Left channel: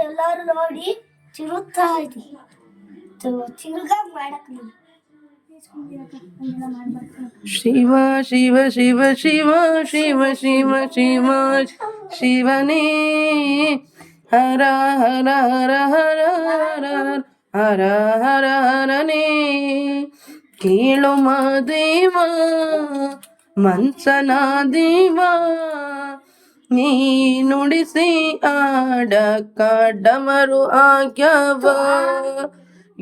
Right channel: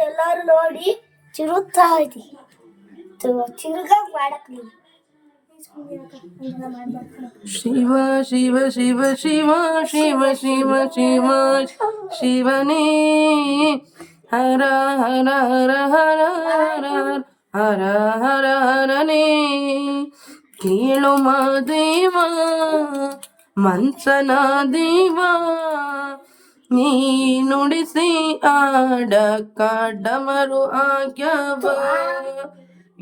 ಎಲ್ಲಾರು ನೋಡಿ ಚಿರುತ್ತಾ ಇದೆ ಚಿರುಗ ಮಾಡಕ್ ಶಿವ ಶಿವ ಶಿವ ಶಿವ ಶಿವ ಶಿವ ಶಿವ ಶಿವನೇ ಹರ ಹರ ಹರ ಹರ ಹರ ಹರ ಹರ ಹರನೇ ಕೇಳು ಮಾದೇವ ಮನ್ಸನ ದೇವ ನೀ ನುಡಿಸಿ ಆಡಕ ಡಮರು ಆಗ್ಯವ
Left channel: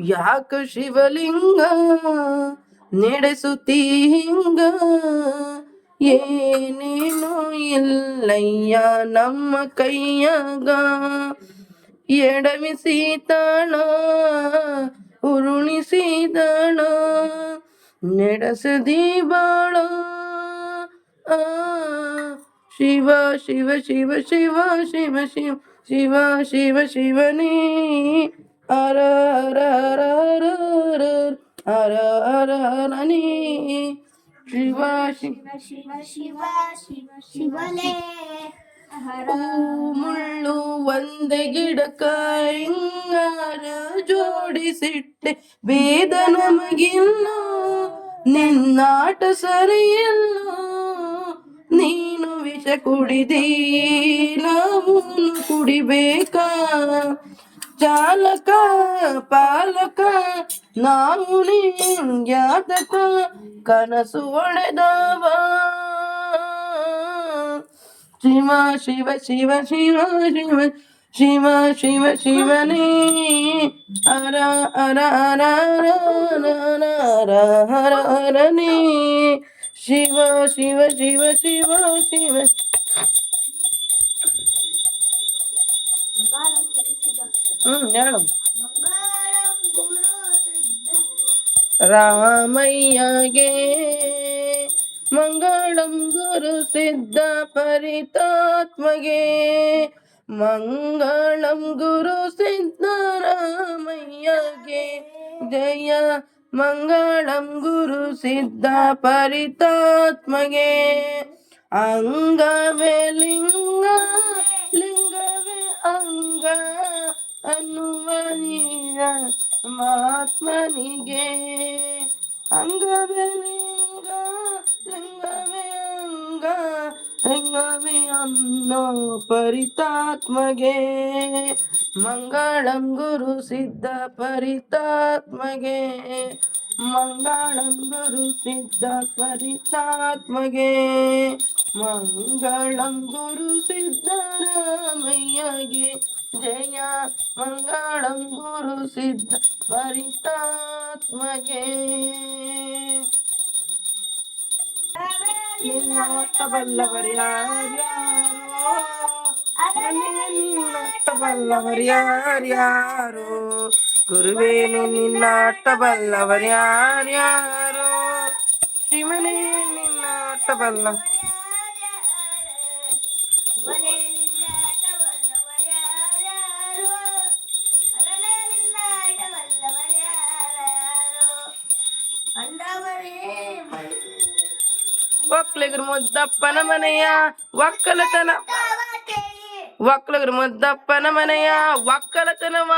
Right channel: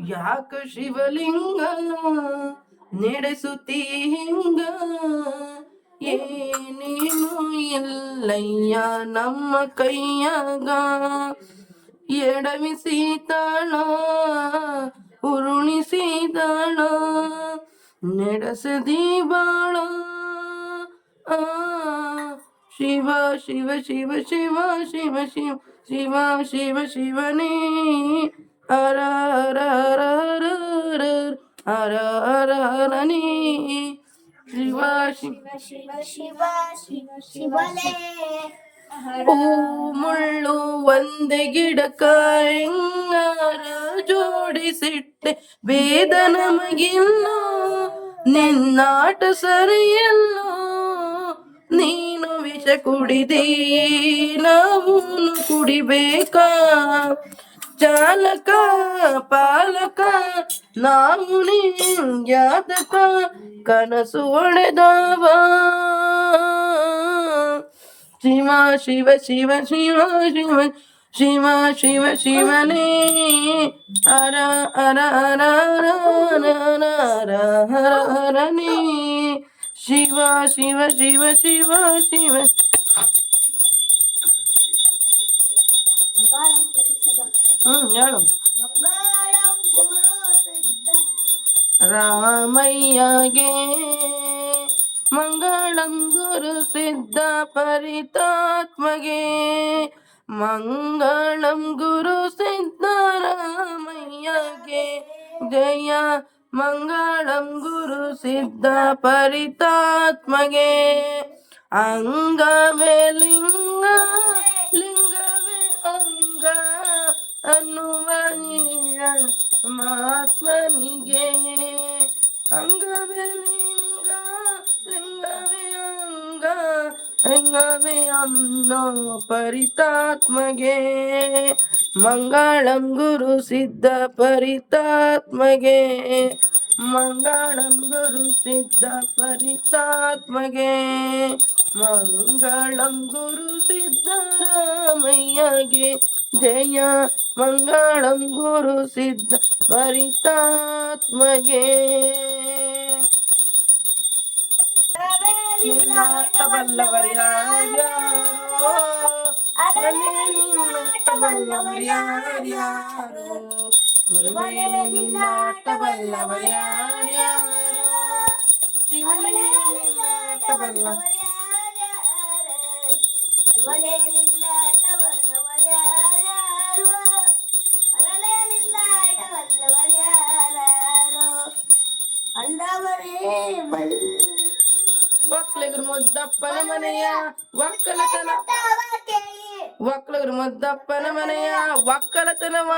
ಯಾಕ ಶಿವಲಿಂಗ ನಡೆಸುತ್ತೀ ಹಿಂಗ ಏನೇನು ಇಲ್ಲಯ್ಯ ನಮ್ಮ ಕೈಯಾಗ ಎಡವಿಸಿದಾಣ ಉರುಣಿಸಿದಾಣ ನಡೆಸದಿ ಬಾಳ ಶಿವ ಶಿವ ಶಿವ ಶಿವ ಶಿವ ಶಿವ ಶಿವ ಶಿವ ಶಿವನೇ ಹರ ಹರ ಹರ ಹರ ಹರ ಹರ ಹರನೇ ಶಿವ ಶಿವ ಶಿವ ಶಿವ ಶಿವ ಶಿವನೇ ಹೂ ಮುಳ್ಳು ಒಂದೇ ಗಿಡಕ ಹಿಂಗಾರ ಜೋಡಿಸಿಟ್ಟೆ ಭೇದ ನಮಗಿಲ್ಲ ನಿನ್ನಾಟ ಸರಿಯಲ್ಲ ನೀನು ವಿಷ ಕುಡಿದಿ ನಾವು ಕುಡಿಬೇಕಾ ಚಾಲಕ ಪಾಲಕ ನಾವು ಯಾತಕ ಕನಸು ಹೊಡೆದವ ಶಿವ ಶಿವ ಶಿವ ಶಿವ ಶಿವ ಶಿವ ಶಿವ ಶಿವನೇ ಹರ ಹರ ಹರ ಹರ ಹರ ಹರ ಹರನೇ ಶಿವ ಶಿವ ಶಿವ ಶಿವ ಶಿವ ಹೇಳು ರಾಮಯ್ಯಗೆ ಮಂಗಳಂ ಗುರು ಸಿದ್ಧ ಪರಿತಾತ್ಮಗೆ ಮಂಗಳಂ ಗುರು ಸಿದ್ಧರಾಮಯ್ಯಗೆ ಜಯ ಮಂಗಳಂ ಗುರು ಸಿದ್ಧ ಪರಿತಾತ್ಮಗೆ ಅಂಗವೇ ಲಿಂಗ ಲಿಂಗವೇ ಅಂಗ ಅನ್ನುವ ಮಹಾತ್ಮನಿಗೆ ಅಂಗವೇ ಲಿಂಗ ಲಿಂಗವೇ ಅಂಗ ಲಿಂಗವೇ ಅನ್ನೋ ಪರಿತಾತ್ಮಗೆ ಮಂಗಳಂ ಗುರು ಸಿದ್ಧ ಪರಿತಾತ್ಮಗೆ ಮಂಗಳಂ ಗುರು ಸಿದ್ಧ ಪರಿತಾತ್ಮಗೆ ಮಂಗಳಂ ಗುರು ಸಿದ್ಧರಾಮಯ್ಯಗೆ ಜಯ ಮಂಗಳಂ ಗುರು ಸಿದ್ಧ ಪರಿತಾತ್ಮಗೆ ನಿನ್ನಾಟ ಬಲ್ಲವರ್ಯಾರ್ಯಾರೋ ನಿನ್ನಾಟ ಬಲ್ಲವರ್ಯಾರ್ಯಾರೋ ಗುರುವೇ ನಿನ್ನಾಟ ಬಲ್ಲವರ್ಯಾರ್ಯಾರೋ ಶಿವನೇ ನಿನ್ನಾಟ ಬಲ್ಲ ಒಕ್ಕಲಿಗರು ಮುದ್ದಪ್ಪನ ಮನೆಯ ಒಕ್ಕಲತನ ಒಕ್ಕಲಿಗರು ಮುದ್ದಪ್ಪನ ಮನೆಯ ಒಕ್ಕಲತನವ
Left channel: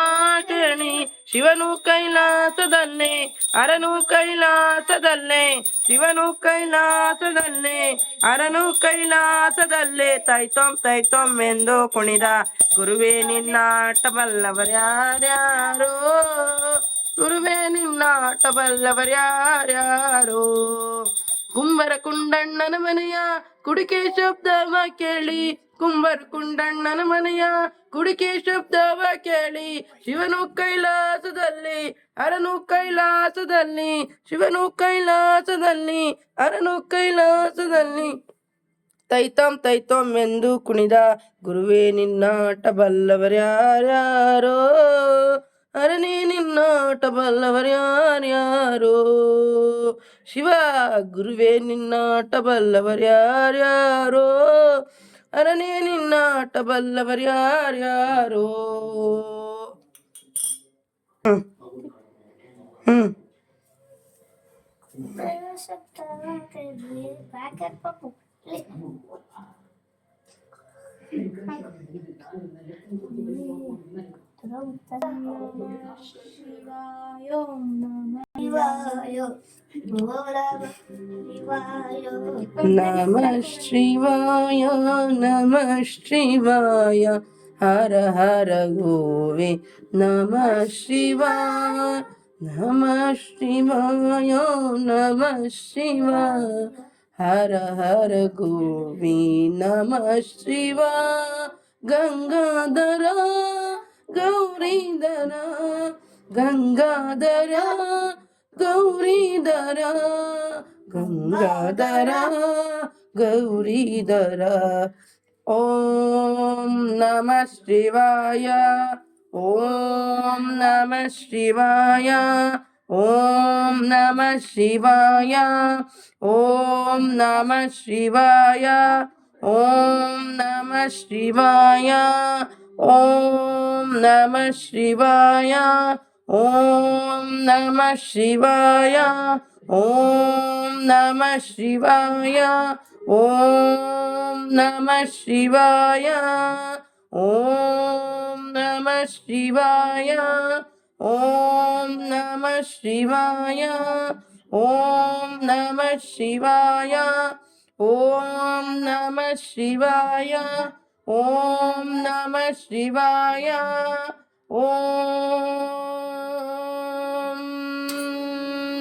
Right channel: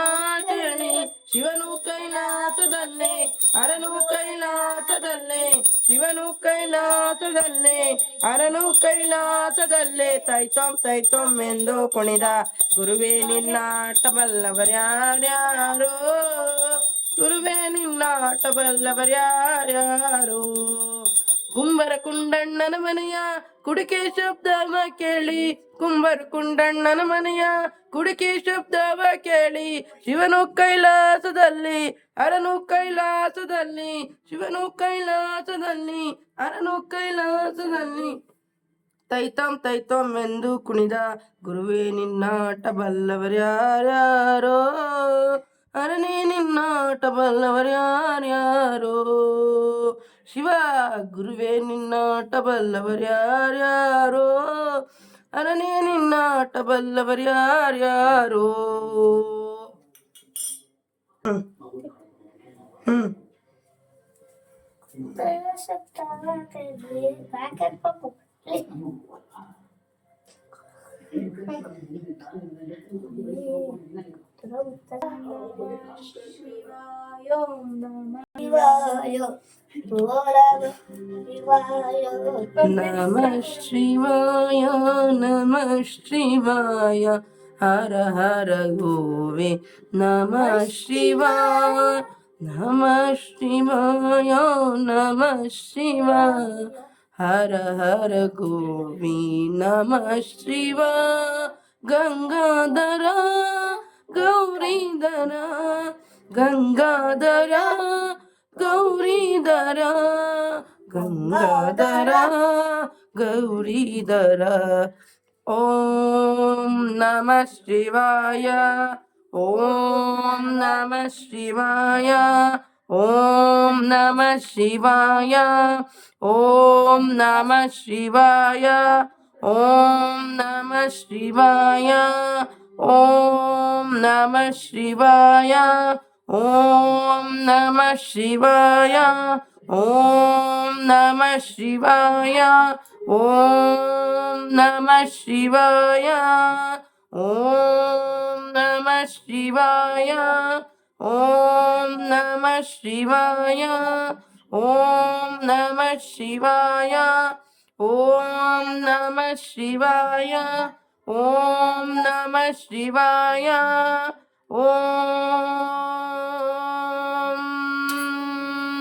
ಕೇಳಿ ಶಿವನು ಕೈಲಾಸದಲ್ಲೇ ಅರನು ಕೈಲಾಸದಲ್ಲೇ ಶಿವನು ಕೈಲಾಸದಲ್ಲೇ ಅರನು ಕೈಲಾಸದಲ್ಲೇ ತೈತೊಂ ಎಂದು ಕುಣಿದ ಗುರುವೇ ನಿನ್ನಾಟ ಬಲ್ಲವರ್ಯಾರ್ಯಾರೋ ಗುರುವೇ ನಿನ್ನಾಟ ಬಲ್ಲವರ್ಯಾರ್ಯಾರೋ ಕುಂಬರ ಕುಂಡಣ್ಣನ ಮನೆಯ ಕುಡಿಕೆ ಶಬ್ದವ ಕೇಳಿ ಕುಂಬರ ಕುಂಡಣ್ಣನ ಮನೆಯ ಕುಡಿಕೆ ಶಬ್ದವ ಕೇಳಿ ಶಿವನು ಕೈಲಾಸದಲ್ಲಿ ಅರನು ಕೈಲಾಸದಲ್ಲಿ ಶಿವನು ಕೈಲಾಸದಲ್ಲಿ ಅರನು ಕೈಲಾಸದಲ್ಲಿ ತೈತೊಂ ಎಂದು ಕುಣಿದ ಗುರುವೇ ನಿನ್ನಾಟ ಬಲ್ಲವರ್ಯಾರ್ಯಾರೋ ಅರನೇ ನಿನ್ನಾಟ ಬಲ್ಲವರ್ಯಾರ್ಯಾರೋ ಶಿವ ಗುರುವೇ ನಿನ್ನಾಟ ಬಲ್ಲವರ್ಯಾರ್ಯಾರೋ ಅರನೇ ನಿನ್ನಾಟ ಬಲ್ಲವರ್ಯಾರ್ಯಾರೋ नमः शिवाय नमः शिवाय हर हर गोवे नमः शिवाय नमः शिवाय नमः शिवाय हर हर गोवे नमः शिवाय गंगाधर गौरीधर गंगाधर गौरीधर गंगाधर गौरीधर ॐ नमः शिवाय ॐ नमः शिवाय ॐ नमः शिवाय ॐ नमः शिवाय ॐ नमः शिवाय ॐ नमः शिवाय ॐ नमः शिवाय ॐ नमः शिवाय ॐ नमः शिवाय ॐ नमः शिवाय ॐ नमः शिवाय ॐ नमः शिवाय ॐ नमः शिवाय ॐ नमः शिवाय ॐ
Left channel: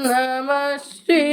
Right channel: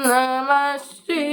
नमः शिवाय